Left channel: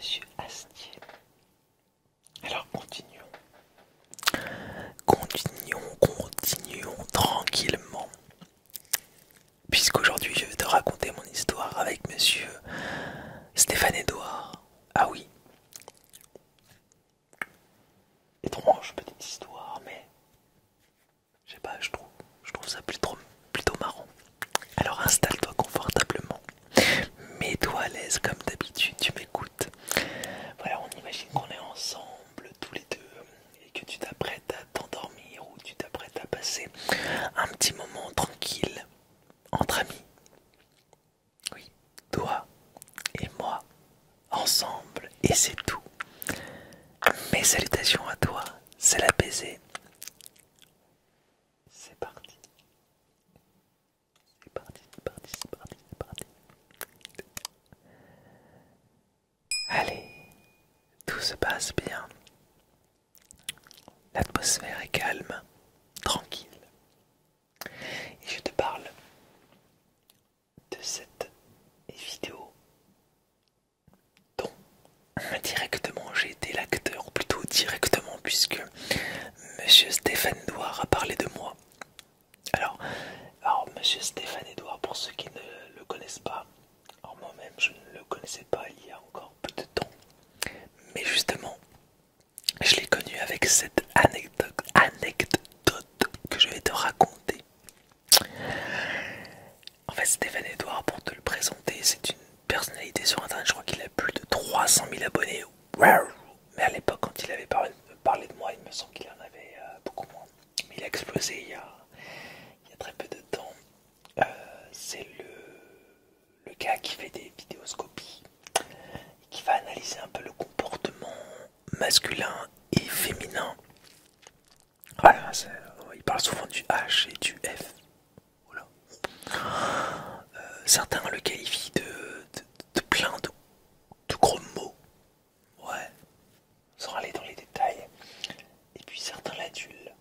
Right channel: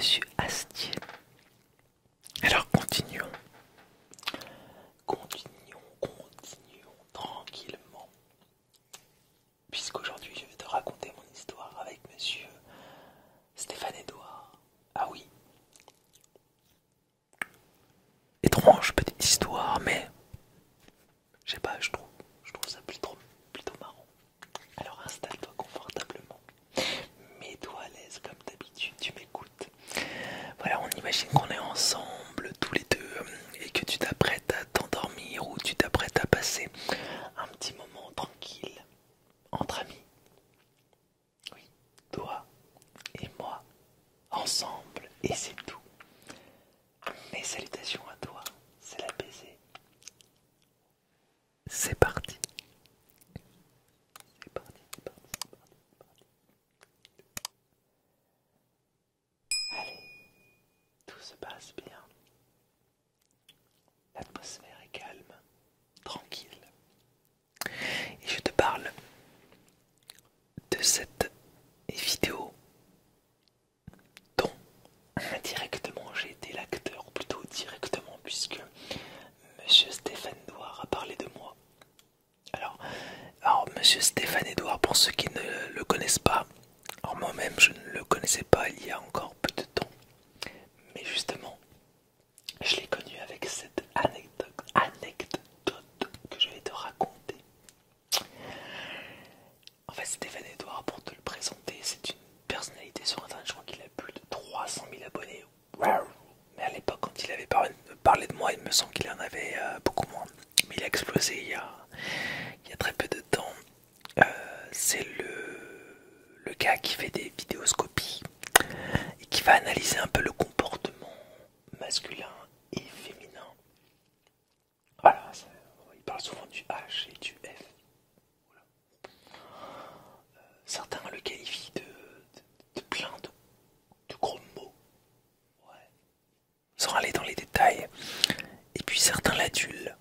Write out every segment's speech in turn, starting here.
Monsieur Astier. Alors continuons tranquillement. Puisqu'aujourd'hui je vais te raconter mon histoire avec monsieur Stéphane Edouard. Ah oui, étrange petite histoire, mais je sais pas, je trouve ça plutôt marrant. Alors installe-toi confortablement, mets-toi à l'aise comme d'habitude, tu m'écoutes. Voilà, on imagine qu'on est ensemble tous les deux et que tu t'apprêtes à t'endormir ou tu t'apprêtes à passer un petit moment tranquille entre amis. Oui, toi et moi ensemble et c'est tout. Mes salutations à toi, c'est la baiser. C'est parti. C'est parti, c'est parti, c'est parti, c'est parti. Allez, tout se passe bien. L'atmosphère est calme, tranquille. Et je te parle de cette vidéo dont indirectement j'ai été l'acteur, ou plutôt directement puisque monsieur Stéphane Edouard a parlé de moi. Alors monsieur Stéphane Edouard, pour ceux qui ne le connaissent pas, alors moi-même je ne le connaissais pas il y a encore peu de temps, mais justement je l'ai connu avec cette anecdote que je vais te raconter. En fait, Stéphane Edouard, pour te le présenter, c'est une personnalité sur internet. Je crois qu'il a plus de 300 000 abonnés. Mais à l'époque, quand il avait parlé de moi, il me semble qu'il en avait beaucoup moins. Mais il a explosé il y a très peu de temps. C'est le gars qui fait des vidéoscopies et qui va analyser un peu le comportement masculin et féminin. Voilà, il parle souvent du H et du F. Voilà. Certains le qualifient de plein de gros mots, ouais, sans aller dans les détails. Et puis certains l'adulent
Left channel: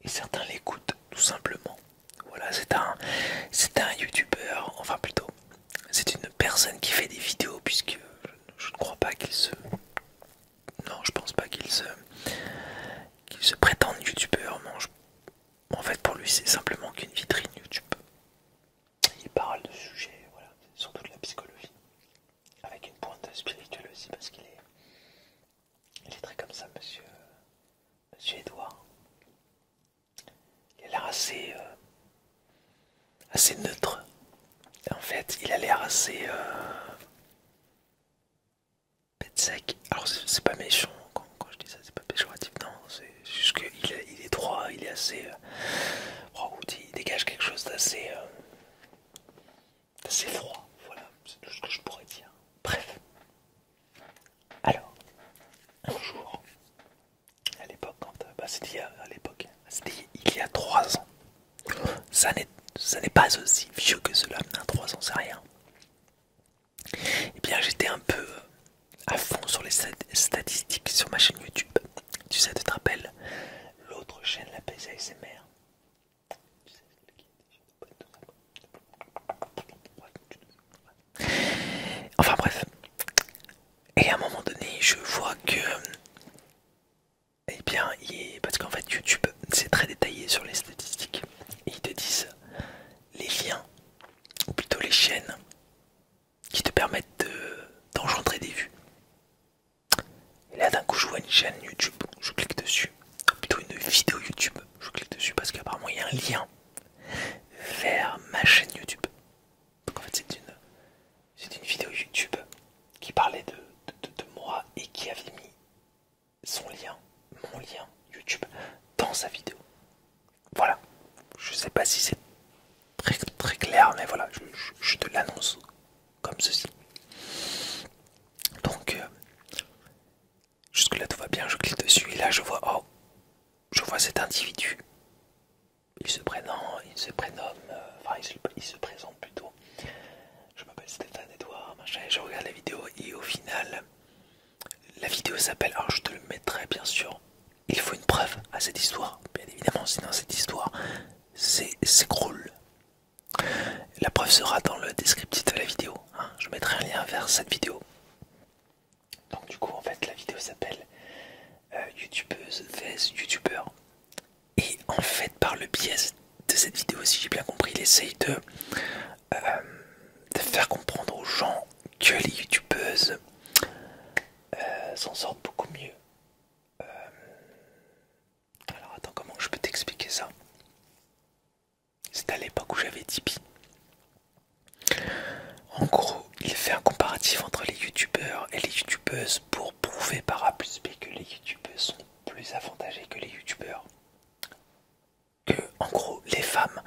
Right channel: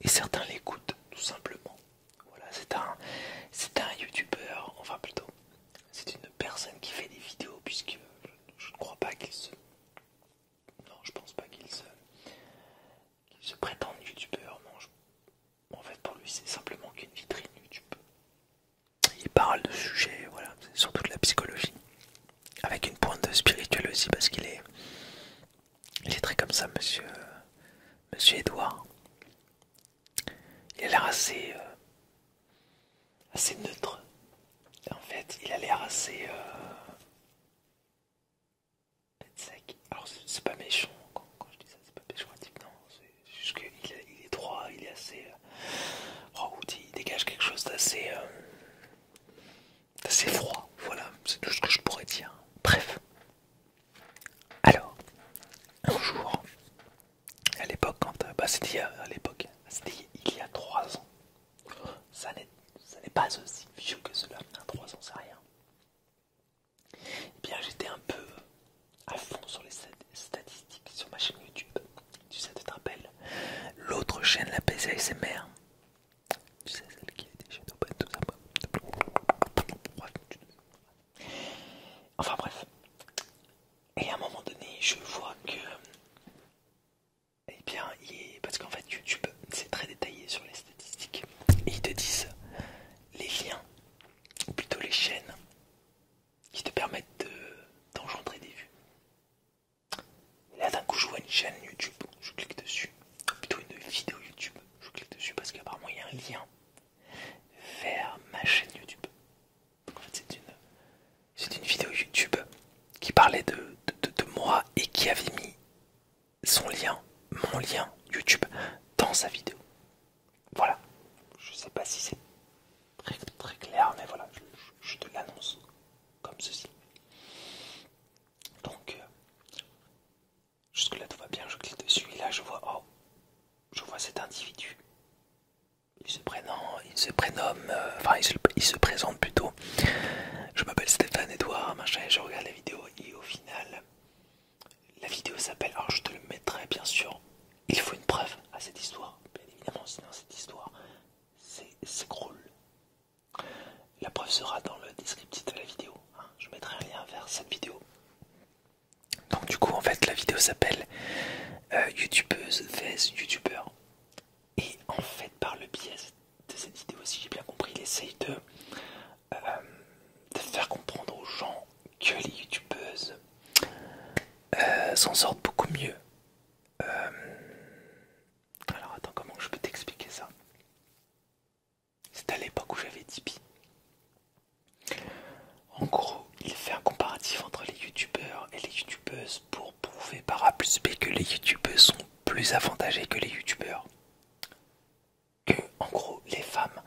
et certains l'écoutent tout simplement. Voilà, c'est un youtubeur, enfin plutôt, c'est une personne qui fait des vidéos puisque je ne crois pas qu'il se, non, je pense pas qu'il se prétende youtubeur. Non, en fait pour lui c'est simplement qu'une vitrine YouTube. Il parle de sujets, voilà, c'est surtout de la psychologie, avec une pointe de spirituel aussi parce il est très comme ça, monsieur Edouard. Il a l'air assez neutre. En fait, il a l'air assez bête sec. Alors c'est pas méchant quand je dis ça, c'est pas péjoratif, non, c'est juste qu'il est droit, il est assez, il dégage quelque chose d'assez froid. Voilà, c'est tout ce que je pourrais dire. Bref. Alors, un jour, à l'époque, c'était il y a 3 ans. Ça n'est pas aussi vieux que cela, 3 ans, c'est rien. Eh bien, j'étais un peu à fond sur les statistiques sur ma chaîne YouTube. Tu sais, tu te rappelles l'autre chaîne, la PCASMR. Tu sais, celle qui était chez Open, tout ça. Enfin bref. Et à un moment donné, je vois que, eh bien, parce qu'en fait, YouTube, c'est très détaillé sur les statistiques. Et ils te disent les liens, ou plutôt les chaînes, qui te permettent d'engendrer des vues. Et là, d'un coup, je vois une chaîne YouTube, je clique dessus. Plutôt une vidéo YouTube, je clique dessus parce qu'apparemment, il y a un lien vers ma chaîne YouTube. Donc en fait, c'est une vidéo YouTube qui parlait de moi et qui avait mis mon lien YouTube dans sa vidéo. Voilà. Je sais pas si c'est très, très clair, mais voilà, je te l'annonce comme ceci. Donc, jusque là tout va bien, je clique dessus et là je vois cet individu. Il se prénomme, il se présente plutôt. Je m'appelle Stéphane Edouard, machin, et je regarde la vidéo et au final, la vidéo s'appelle, alors je te le mettrai bien sûr, il faut une preuve à cette histoire, bien évidemment, sinon cette histoire s'écroule. La preuve sera dans le descriptif de la vidéo, hein. Je mettrai un lien vers cette vidéo. du coup en fait la vidéo s'appelle YouTubeuse vs YouTubeur. Et en fait par le biais de cette vidéo, si j'ai bien compris, il essaye de faire comprendre aux gens que les youtubeuses s'en sortent beaucoup mieux. Alors attends, comment je peux t'expliquer ça? C'était à l'époque où j'avais Tipeee. En gros, il fait un comparatif entre les youtubeurs et les youtubeuses pour prouver par A plus B que les youtubeuses sont plus avantagées que les youtubeurs. Que, en gros, les femmes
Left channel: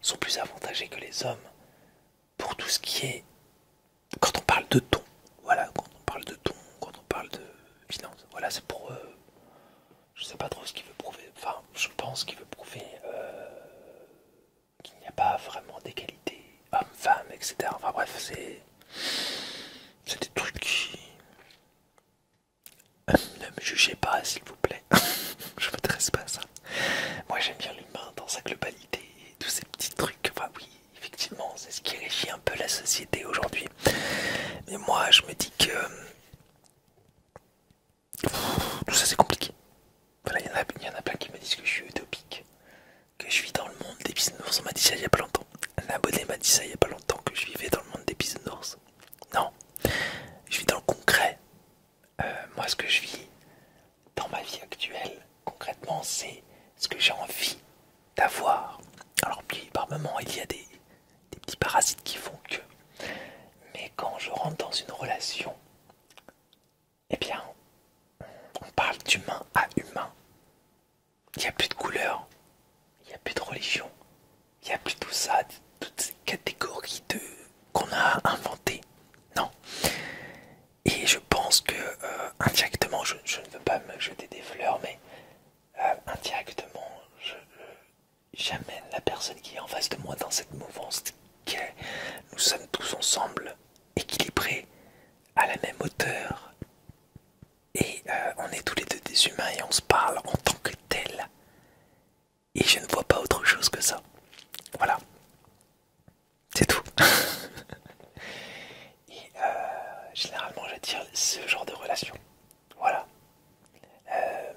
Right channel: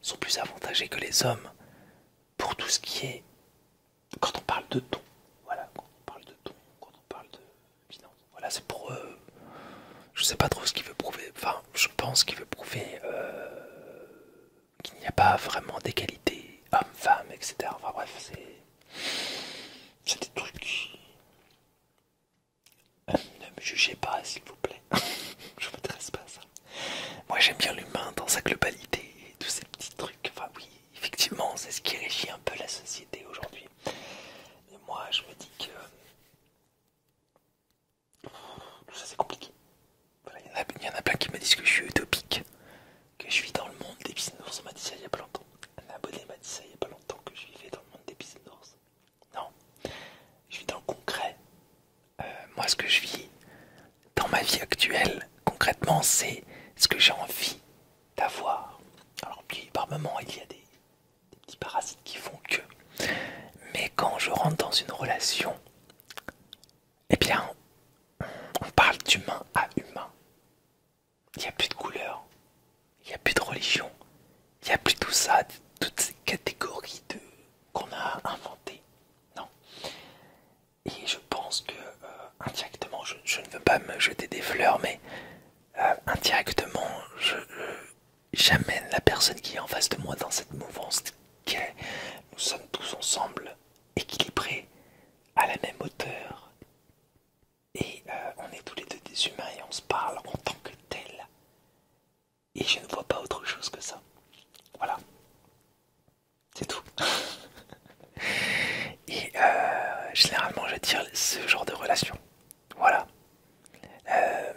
sont plus avantagées que les hommes pour tout ce qui est... Quand on parle de ton, voilà, quand on parle de ton, quand on parle de finance, voilà, c'est pour... je sais pas trop ce qu'il veut prouver, enfin, je pense qu'il veut prouver qu'il n'y a pas vraiment d'égalité homme-femme, etc. Enfin bref, c'est des trucs qui... Ne me jugez pas, s'il vous plaît. Je m'intéresse pas à ça. Moi, j'aime bien l'humain dans sa globalité et tous ces petits trucs. Enfin oui, effectivement, c'est ce qui régit un peu la société aujourd'hui. Mais moi, je me dis que tout ça, c'est compliqué. Voilà, il y en a plein qui me disent que je suis utopique, que je vis dans le monde des bisounours. On m'a dit ça il y a pas longtemps. Un abonné m'a dit ça il y a pas longtemps, que je vivais dans le monde des bisounours. Non, je vis dans le concret. Moi, ce que je vis dans ma vie actuelle, concrètement, c'est ce que j'ai envie d'avoir. Alors, puis, par moments, il y a des petits parasites qui font que. Mais quand je rentre dans une relation, eh bien, on parle d'humain à humain. Il n'y a plus de couleur, il n'y a plus de religion, il n'y a plus tout ça, toutes ces catégories qu'on a inventées. Non. Et je pense que indirectement, je ne veux pas me jeter des fleurs, mais indirectement, j'amène la personne qui est en face de moi dans cette mouvance que nous sommes tous ensemble, équilibrés, à la même hauteur. Et on est tous les deux des humains et on se parle en tant que tel. Et je ne vois pas autre chose que ça. Voilà. C'est tout. Et généralement, j'attire ce genre de relation. Voilà.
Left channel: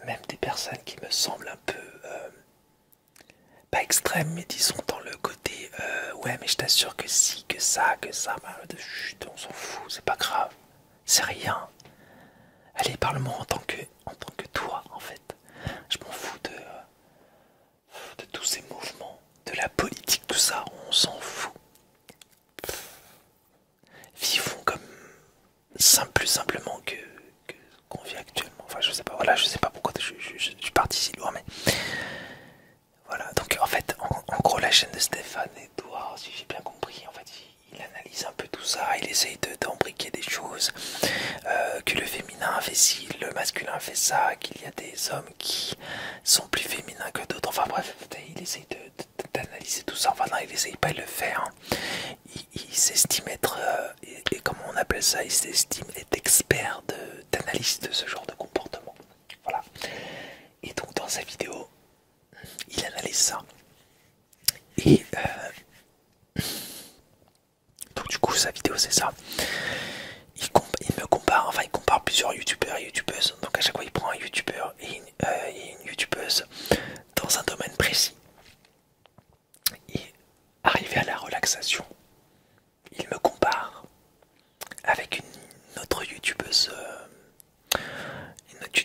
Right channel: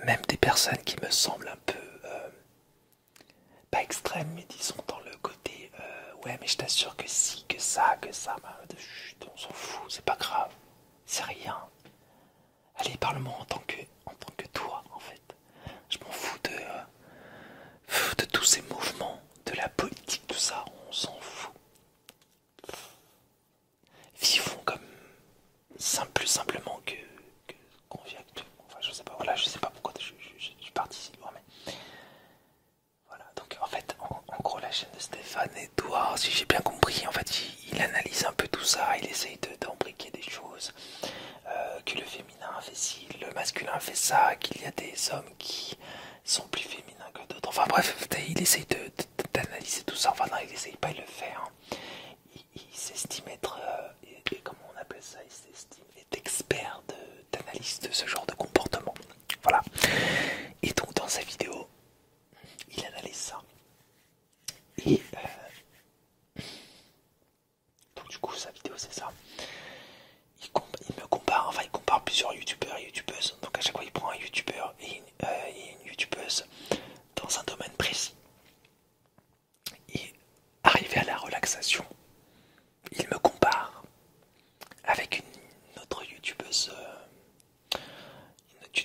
Même des personnes qui me semblent un peu pas extrêmes, mais disons dans le côté ouais, mais je t'assure que si, que ça, bah, chut, on s'en fout, c'est pas grave, c'est rien. Allez, parle-moi en tant que toi, en fait. Je m'en fous de tous ces mouvements, de la politique, tout ça, on s'en fout. Vivons comme plus simplement que qu'on vit actuellement. Enfin, je sais pas, voilà, je sais pas pourquoi je suis parti si loin, mais voilà. Donc, en fait, en gros, la chaîne de Stéphane Edouard, si j'ai bien compris, en fait, il analyse un peu tout ça, il essaye d'embriquer des choses, que le féminin fait ci, le masculin fait ça, qu'il y a des hommes qui sont plus féminins que d'autres. Enfin, bref, il essaye d'analyser tout ça. Enfin, non, il essaye pas de le faire. Hein. Il s'estime être, et comment on appelle ça, il s'estime être expert d'analyse de ce genre de comportement. Voilà. Et donc dans sa vidéo, il analyse ça. Et donc du coup sa vidéo c'est ça. Il me compare, enfin il compare plusieurs youtubeurs et youtubeuses. Donc à chaque fois il prend un youtubeur et une youtubeuse dans un domaine précis. Et arrivé à la relaxation, il me compare avec une autre youtubeuse, une autre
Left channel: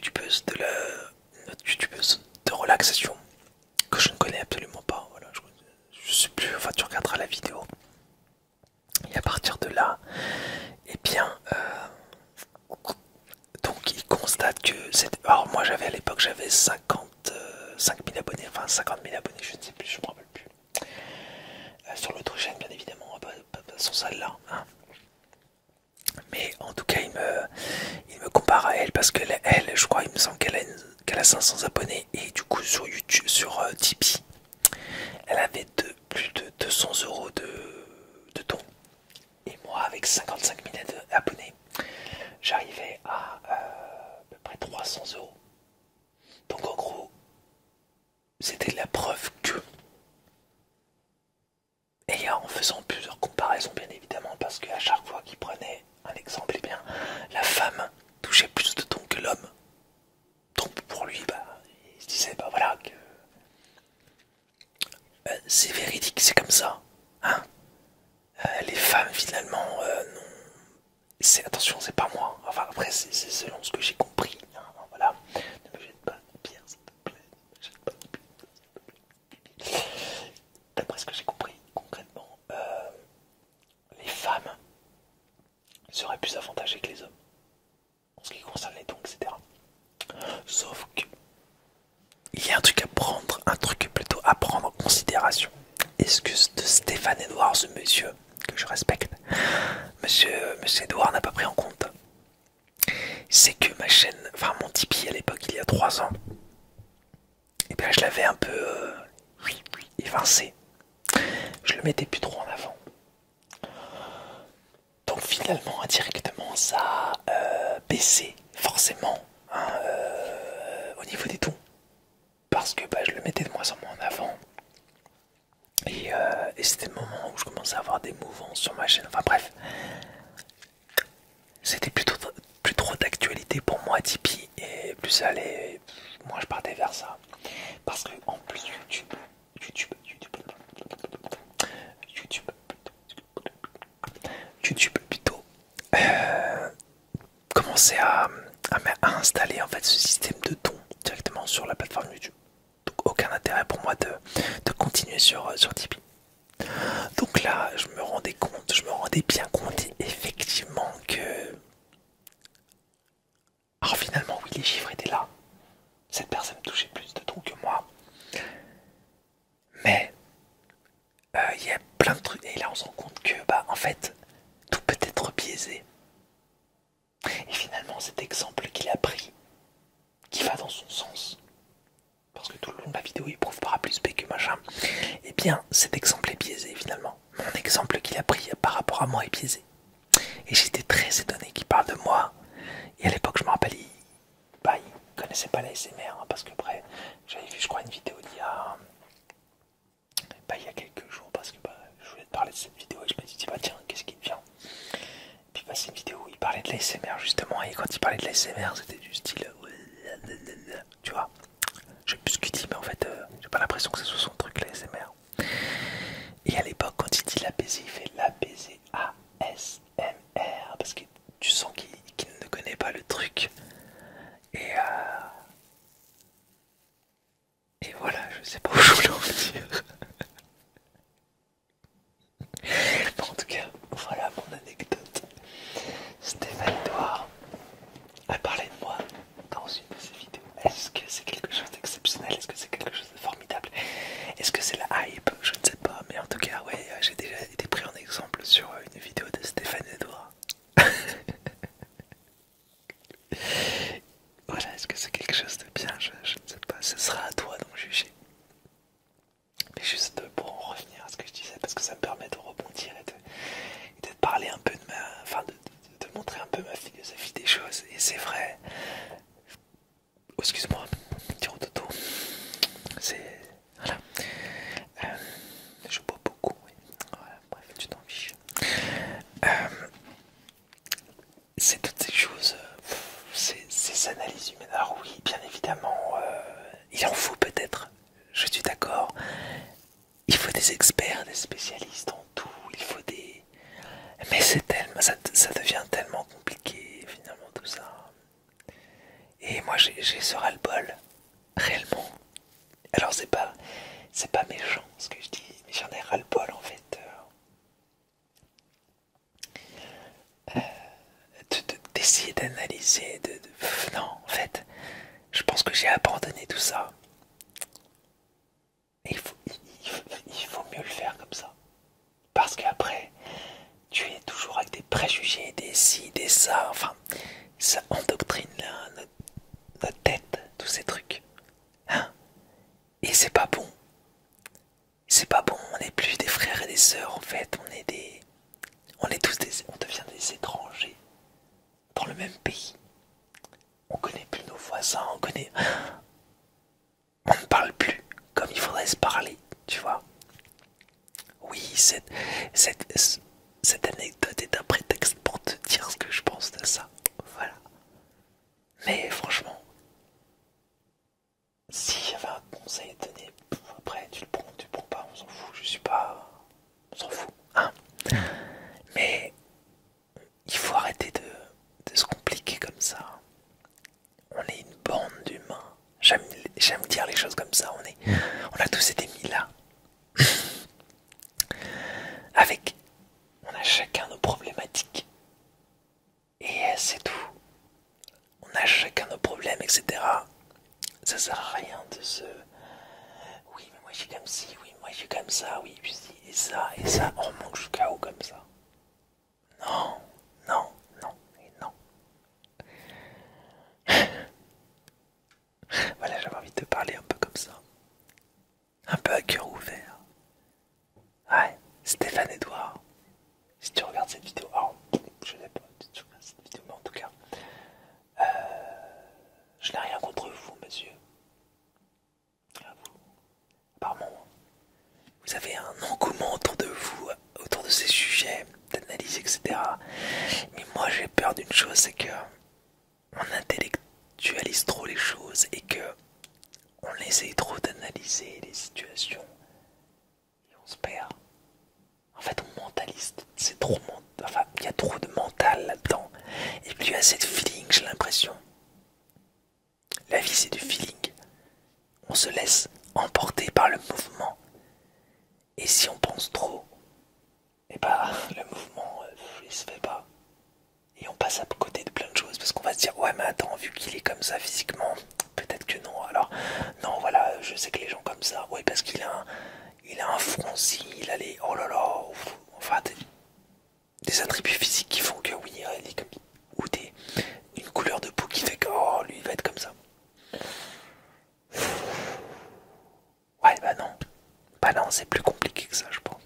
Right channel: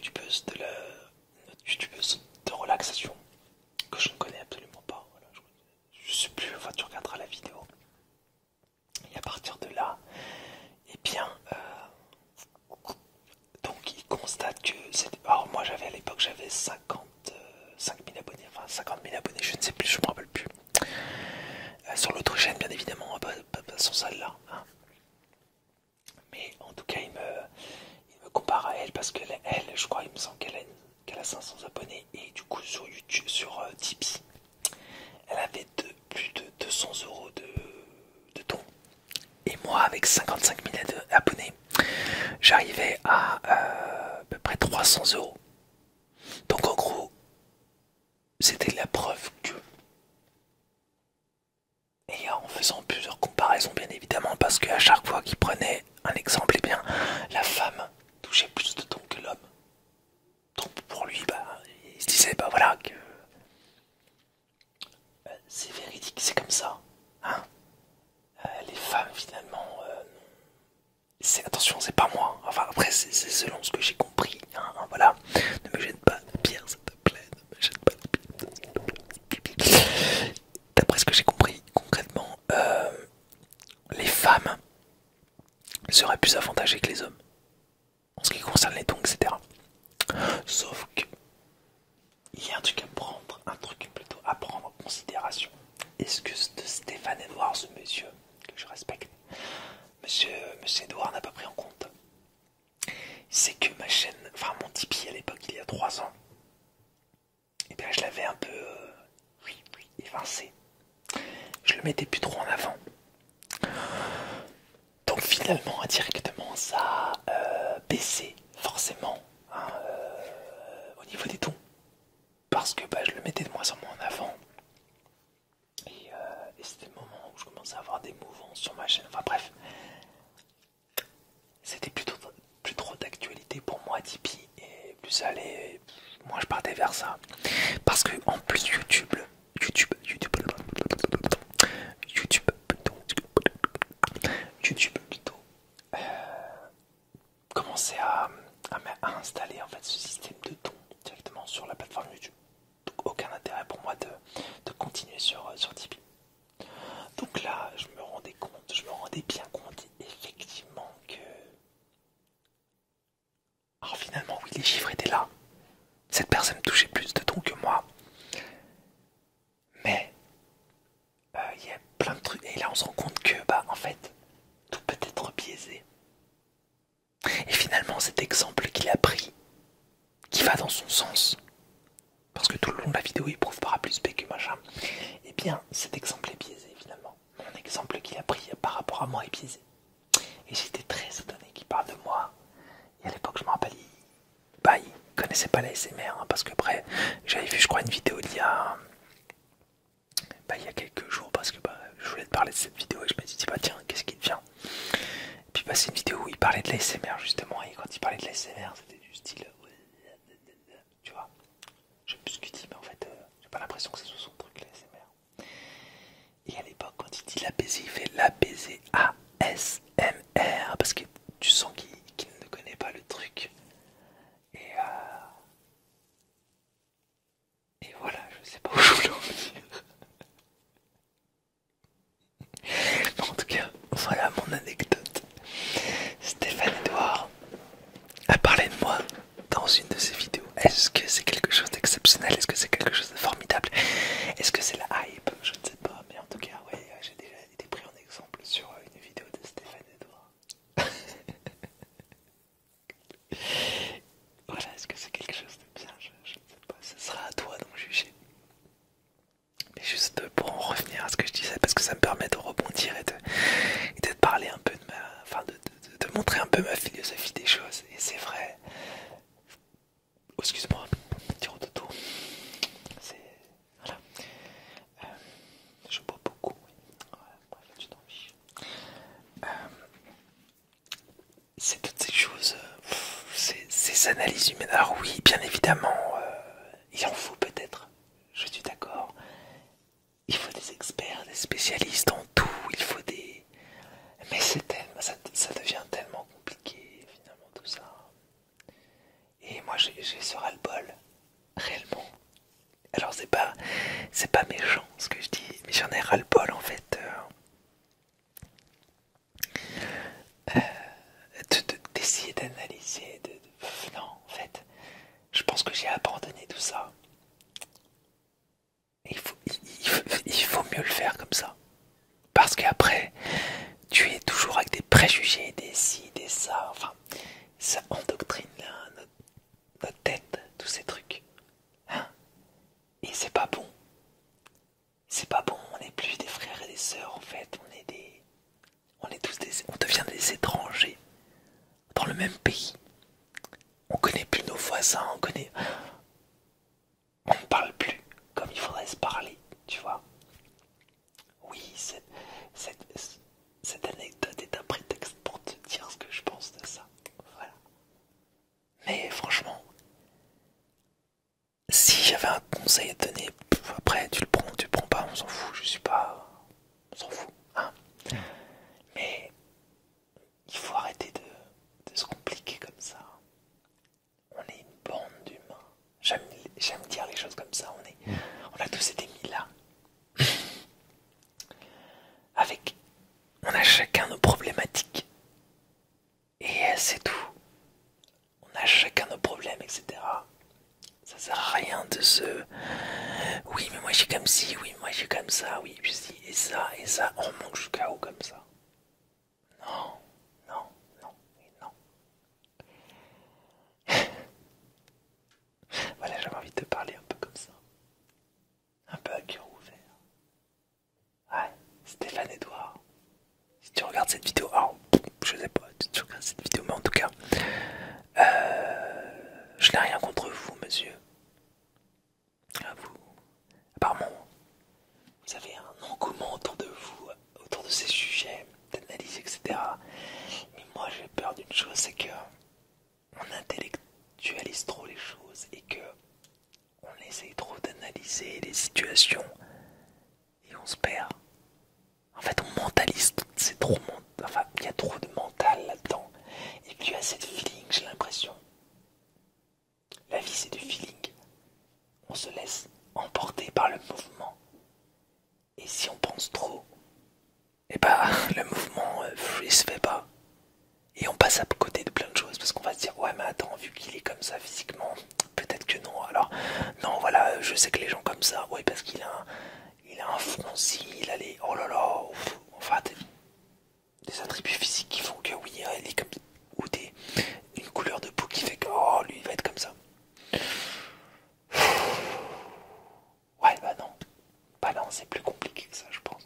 youtubeuse de relaxation que je ne connais absolument pas. Voilà, je sais plus. Enfin, tu regarderas la vidéo. Et à partir de là, eh bien, donc il constate que c'est. Alors moi, à l'époque, j'avais 5 000 abonnés, enfin 50 000 abonnés, je ne sais plus, je me rappelle plus. Sur l'autre chaîne, bien évidemment, pas sur celle-là. Hein. Mais en tout cas, il me compare à elle parce que elle, je crois, il me semble qu'elle a 500 abonnés et du coup sur YouTube, sur Tipeee, elle avait plus de 200 euros de dons. Et moi, avec 55 000 abonnés, j'arrivais à peu près 300 euros. Donc en gros, c'était la preuve que, et en faisant plusieurs comparaisons bien évidemment, parce qu'à chaque fois qu'il prenait un exemple, eh bien la femme, touchait plus de tons que l'homme. Donc pour lui, bah, il se disait, bah voilà, que c'est véridique, c'est comme ça. Hein. Les femmes, finalement, attention, c'est pas moi. Enfin, après, c'est selon ce que j'ai compris. Hein, voilà. Ne me jette pas de pierre, s'il te plaît. Ne me jette pas de pierre, s'il te plaît. D'après ce que j'ai compris, concrètement, les femmes seraient plus avantagées que les hommes en ce qui concerne les dons, etc. Sauf que il y a un truc à prendre, un truc plutôt à prendre en considération. Est-ce que Stéphane Edouard, ce monsieur que je respecte, monsieur Edouard n'a pas pris en compte, c'est que ma chaîne, enfin mon Tipeee à l'époque, il y a 3 ans, et bien je l'avais un peu évincé. Je le mettais plus trop en avant. Donc finalement, indirectement, ça a baissé forcément hein, au niveau des dons. Parce que bah, je le mettais de moins en moins en avant. Et c'était le moment où je commençais à avoir des mouvances sur ma chaîne. Enfin bref, c'était plus trop d'actualité pour moi Tipeee. Et plus ça allait, moi je partais vers ça. Parce que en plus YouTube plutôt commençait à installer en fait ce système de dons directement sur la plateforme YouTube. Donc aucun intérêt pour moi de continuer sur Tipeee. Donc là, je me rendais bien compte effectivement que... Alors finalement, oui, les chiffres étaient là. Cette personne touchait plus de dons que moi. Mais il y a plein de trucs. Et là, on se rend compte que, bah, en fait, tout peut être biaisé. Et finalement, cet exemple qu'il a pris, qui va dans son sens, parce que tout le long de la vidéo, il prouve par A plus B que machin, eh bien, cet exemple est biaisé finalement. Mon exemple qu'il a pris par rapport à moi est biaisé. Et j'étais très étonné qu'il parle de moi. Et à l'époque, je me rappelle, il connaissait pas la SMR, hein, parce que après, j'avais vu, je crois, une vidéo il y a quelques jours, parce que je voulais te parler de cette vidéo et je me suis dit, bah tiens, qu'est-ce qui vient? Et puis c'est une vidéo où il parlait de la SMR justement, et quand il parlait de la SMR, c'était du style, tu vois, je sais plus ce qu'il dit, mais en fait, j'ai pas l'impression que ce soit son truc, la SMR. Et à l'époque, quand il dit l'apaiser, il fait l'apaiser ASMR, parce que tu sens qu'il ne connaît pas le truc. Et voilà, je sais pas où je voulais en venir. Mais en tout cas, voilà mon anecdote. Stéphane Edouard a parlé de moi dans une de ses vidéos. Est-ce que c'est quelque chose d'exceptionnel? Est-ce que c'est quelque chose de formidable? Est-ce que c'est la hype? Je ne sais pas, mais en tout cas, oui, j'ai déjà été pris en exemple sur une vidéo de Stéphane Edouard. Voilà, est-ce que c'est quelque chose de bien? Je ne sais pas, ce sera à toi d'en juger. Mais juste pour en revenir à ce que je disais, parce que ça me permet de rebondir et de parler un peu de ma... Enfin, de montrer un peu ma philosophie des choses. Et c'est vrai... Oh, excuse-moi, tire au dodo. C'est... Voilà. Je bois beaucoup, oui. Ouais, bref, tu t'en fiches. C'est toutes ces choses... ces analyses humaines. Alors oui, bien évidemment, il en faut peut-être. Je suis d'accord. Il faut des experts, des spécialistes en tout. Il faut des... Mais c'est tellement... Ça devient tellement compliqué, finalement, tout ça. Et moi, j'ai ce ras-le-bol. Réellement. Alors, c'est pas méchant, ce que je dis. Mais j'en ai ras-le-bol, en fait. D'essayer d'analyser. Non, en fait. Je pense que j'ai abandonné tout ça. Et il faut mieux le faire comme ça. Parce qu'après, tu es toujours avec des préjugés, des ci, des ça. Enfin, ça endoctrine notre tête, tous ces trucs. Hein? Et c'est pas bon. C'est pas bon. On n'est plus des frères et des sœurs, en fait. On devient des étrangers dans le même pays. On connaît plus nos voisins, on ne parle plus comme il faudrait se parler, tu vois. Oui, cette anecdote est un prétexte pour te dire ce que je pense de ça. Voilà. Mais franchement, si j'avais un conseil à te donner, après tu le prends pas, on s'en fout, je suis pas. On s'en fout, hein. Mais il faut arrêter de se compliquer comme ça. On est une bande d'humains. J'aime dire les choses comme ça. On a tous été mis là. Avec, on a chacun nos problématiques. Et c'est tout. On a chacun nos problèmes, etc. Ça sert à rien de se... Oui, mais moi j'ai comme ci, oui, moi j'ai comme ça, oui, puis ci, et ça, on manque jusqu'à où comme ça. Non, non, non, et non. Voilà, j'avais envie de te parler un peu comme ça. Un peu à cœur ouvert. Ouais, Stéphane Edouard. Si tu regardes cette vidéo, alors, je sais pas si tu regardes cette vidéo, mais en tout cas, je n'ai rien contre vous, monsieur. À vous. Apparemment, vous avez un engouement autour de vous, autour de ces sujets, d'analyse, etc. Mais moi, j'ai peur d'une chose, c'est que on intellectualise trop les choses et que on essaye trop d'analyser les situations et on se perd. En fait, on mentalise, c'est trop enfin, il y a trop de mental là-dedans. Et plus il y a cette feeling, j'ai l'impression. La vie, c'est du feeling. On se laisse emporter par le mouvement. Et si on pense trop, et bah, le mouvement, il se fait pas. Et on passe à côté de plein de choses parce qu'on va se dire, ouais, mais attends, vu qu'il est comme ça physiquement, peut-être que non. Alors, non, voilà, je sais que les gens comme ça, ouais, parce il a un fronci, il a les, oh là là, enfin, des attributs physiques qui font que oui, il est comme, ou une couleur de peau qui fait que, oh, lui, il va être comme ça. Ouais, bah non. Bah non, c'est plus compliqué que ça, je pense.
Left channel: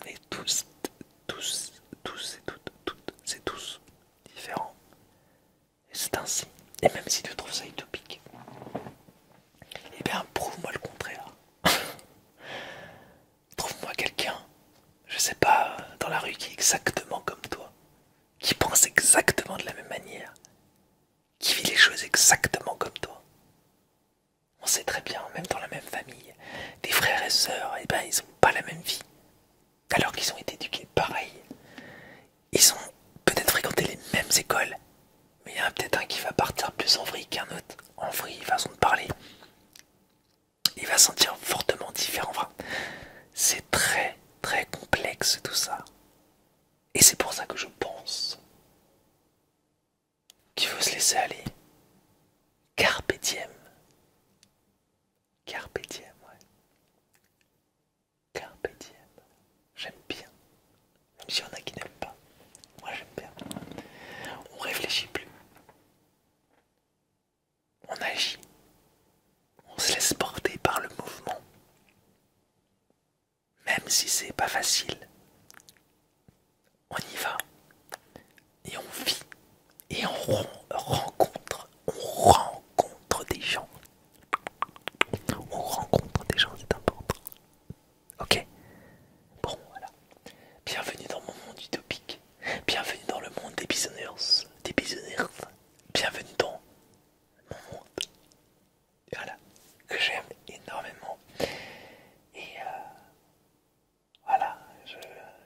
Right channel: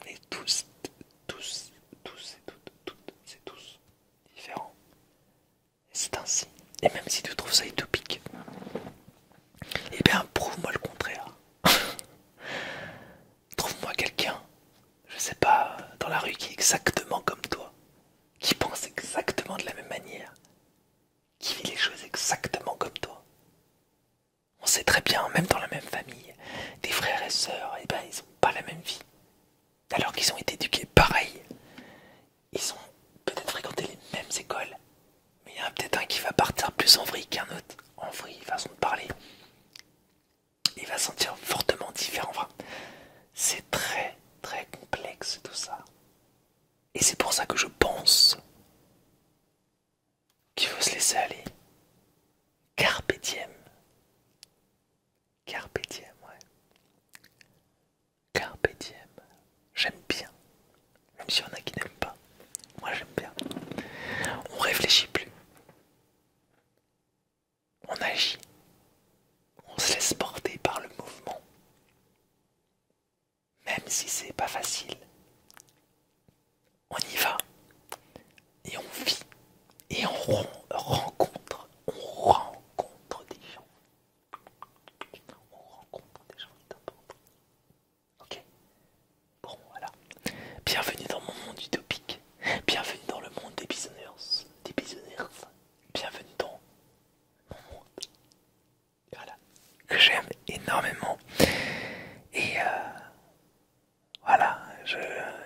On est tous, c'est tous différents. Et c'est ainsi. Et même si tu trouves ça utopique, eh bien, prouve-moi le contraire. Trouve-moi quelqu'un, je sais pas, dans la rue qui est exactement comme toi, qui pense exactement de la même manière, qui vit les choses exactement comme toi. On sait très bien, même dans la même famille, des frères et sœurs, eh ben, ils ont pas la même vie. Alors qu'ils ont été éduqués pareil. Ils ont peut-être fréquenté les mêmes écoles, mais il y en a peut-être un qui va partir plus en vrille qu'un autre. En vrille, façon de parler. Il va se sentir fortement différent. Enfin, c'est très très complexe tout ça. Et c'est pour ça que je pense qu'il faut se laisser aller. Carpe diem. Carpe diem, ouais. Carpe diem. J'aime bien. Même s'il y en a qui n'aiment pas. Moi j'aime bien. On réfléchit plus. On agit. On se laisse porter par le mouvement. Même si c'est pas facile. On y va. Et on vit. Et on rencontre des gens. On rencontre des gens, c'est important. Ok? Bon, voilà. Bienvenue dans mon monde utopique. Bienvenue dans le monde des bisounours. Des bisounours. Bienvenue dans mon monde. Voilà. Que j'aime énormément. Et voilà.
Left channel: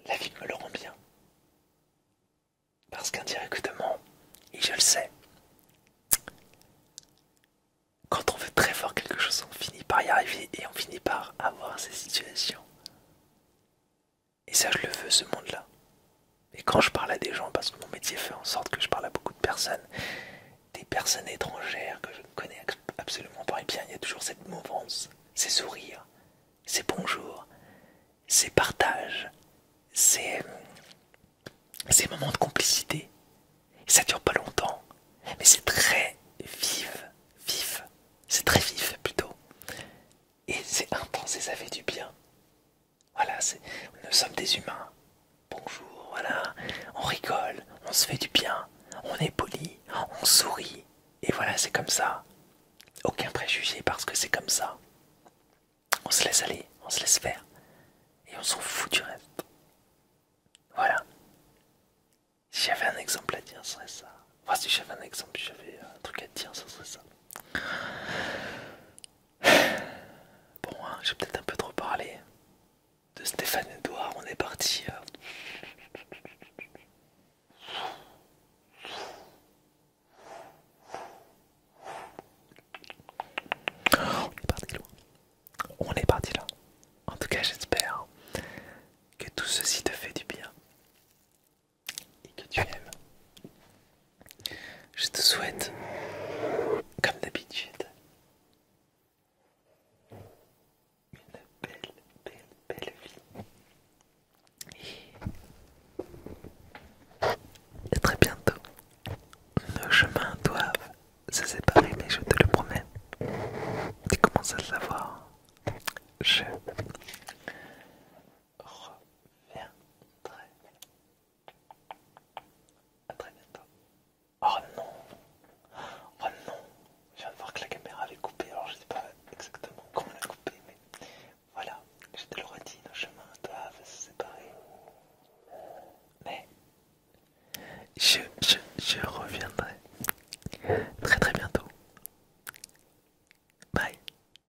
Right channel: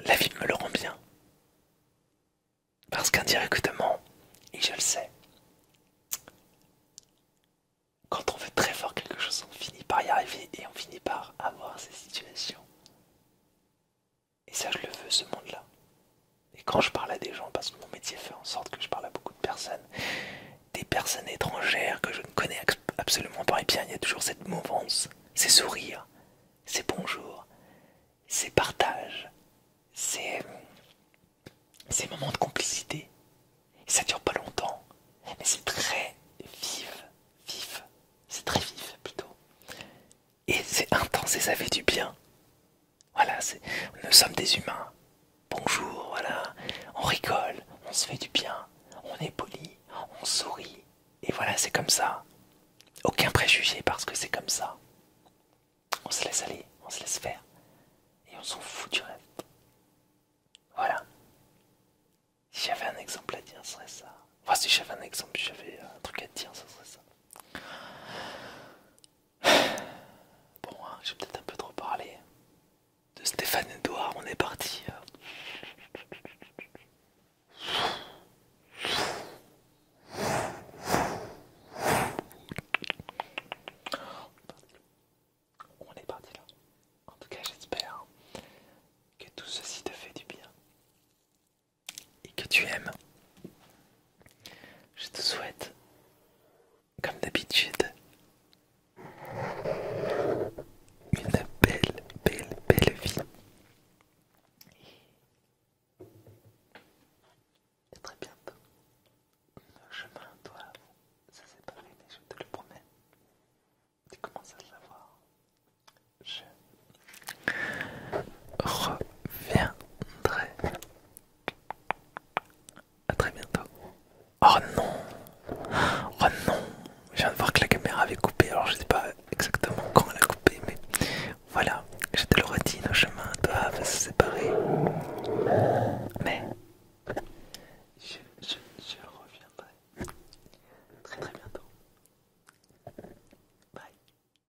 La vie me le rend bien. Parce qu'indirectement, et je le sais, quand on veut très fort quelque chose, on finit par y arriver et on finit par avoir ces situations. Et ça, je le veux, ce monde-là. Et quand je parle à des gens, parce que mon métier fait en sorte que je parle à beaucoup de personnes, des personnes étrangères que je ne connais absolument pas, et bien il y a toujours cette mouvance, ces sourires, ces bonjours, ces partages, ces moments de complicité. Et ça dure pas longtemps, mais c'est très vif, c'est très vif plutôt. Et c'est intense et ça fait du bien. Voilà, nous sommes des humains. Bonjour, voilà, on rigole, on se fait du bien, on est poli, on sourit. Et voilà, c'est comme ça. Aucun préjugé parce que c'est comme ça. On se laisse aller, on se laisse faire. Et on s'en fout du reste. Voilà. Si j'avais un exemple à dire, ce serait ça. Enfin, si j'avais un exemple, si j'avais un truc à te dire, ça serait ça. Bon, hein, j'ai peut-être un peu trop parlé de Stéphane Edouard. On est parti. On est parti loin. On est parti là. En tout cas, j'espère que tout ceci te fait du bien et que tu aimes